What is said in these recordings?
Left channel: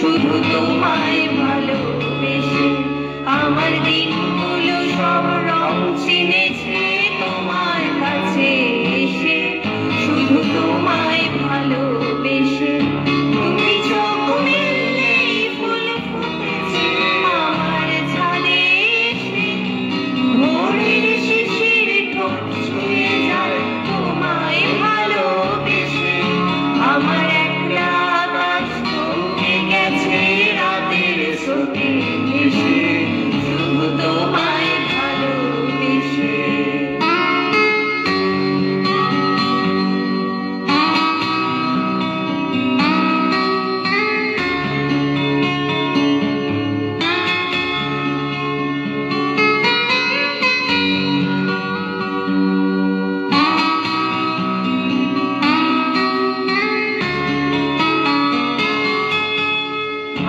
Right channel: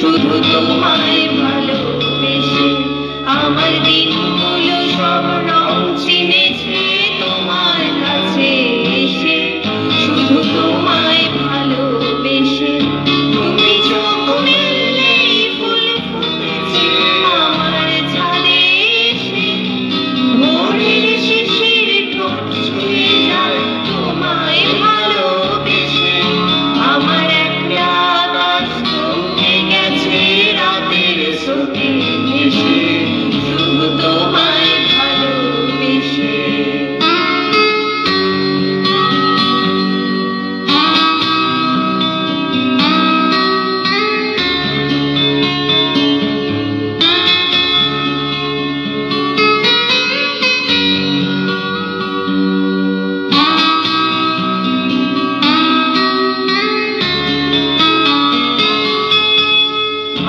শুধু তোমায় ভালোবেসে আমার দিনগুলো সব রং চিনেছে তোমার কাছে এসে, শুধু তোমায় ভালোবেসে। তুমি চোখ মেললেই ফুল ফুটেছে আমার ছাদে এসে, ভোরের শিশির ঠোঁট ছুঁয়ে যায় তোমায় ভালোবেসে। আমার একলা আকাশ থমকে গেছে রাতের স্রোতে ভেসে, শুধু তোমায় ভালোবেসে।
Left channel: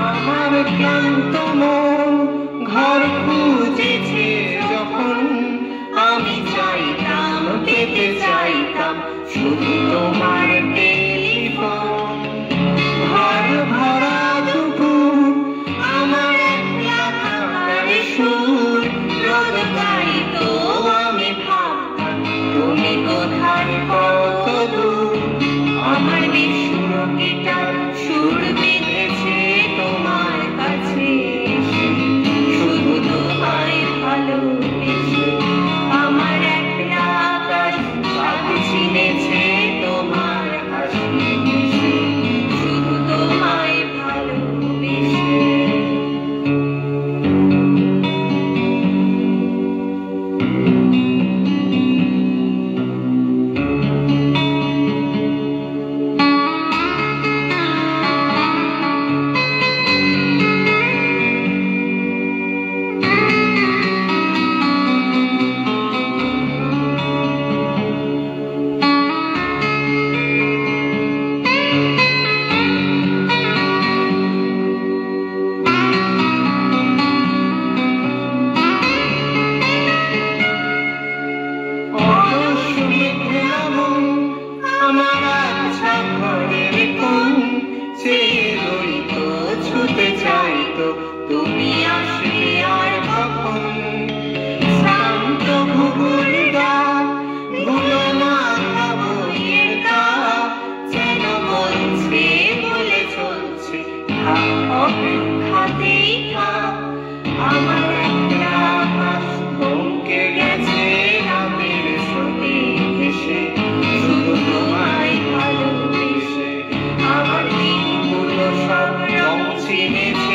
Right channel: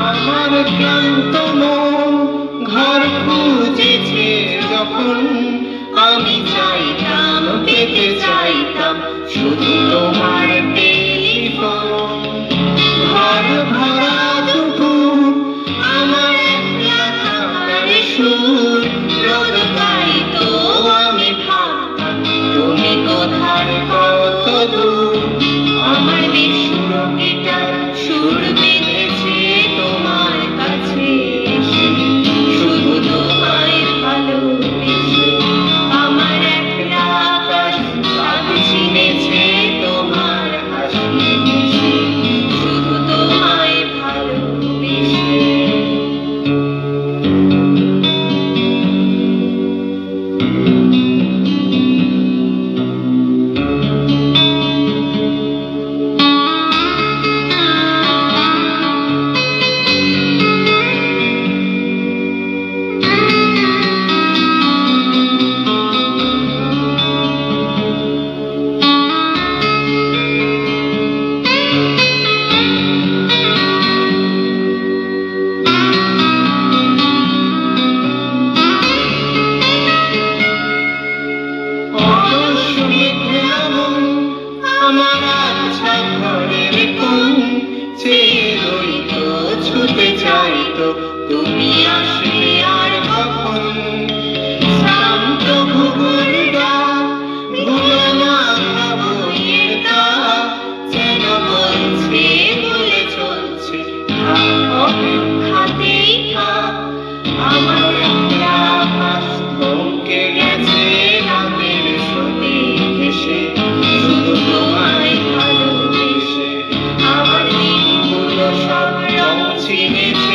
আমার ক্লান্ত মন ঘর খুঁজেছে যখন, আমি চাইতাম পেতে চাইতাম শুধু তোমার টেলিফোন। ঘর ভরা দুপুর আমার একলা থাকার সুর, রোদ গাইতো আমি ভাবতাম তুমি কোথায় কত দূর। আমার বিশুর গিটার সুর বেঁধেছে তোমার কাছে এসে, শুধু তোমায় ভালোবেসে। আমার একলা আকাশ চাঁদ চিনেছে তোমার হাসি হেসে, শুধু তোমায় ভালোবেসে। আমার আচ্ছা ঘরের কোণ চেয়ে রইতো, ছুটে চাইতো তুমি আসবে আর কখন। শান্ত ঘুঘুর ডাক, ভুলো না বইয়ের কাক, যেন বলছে বলে চলছে থাক অপেক্ষাতেই থাক। আমার একলা আকাশ থমকে গেছে রাতের স্রোতে ভেসে, শুধু তোমায় ভালোবেসে। আমার দিনগুলো সব রং চিনেছে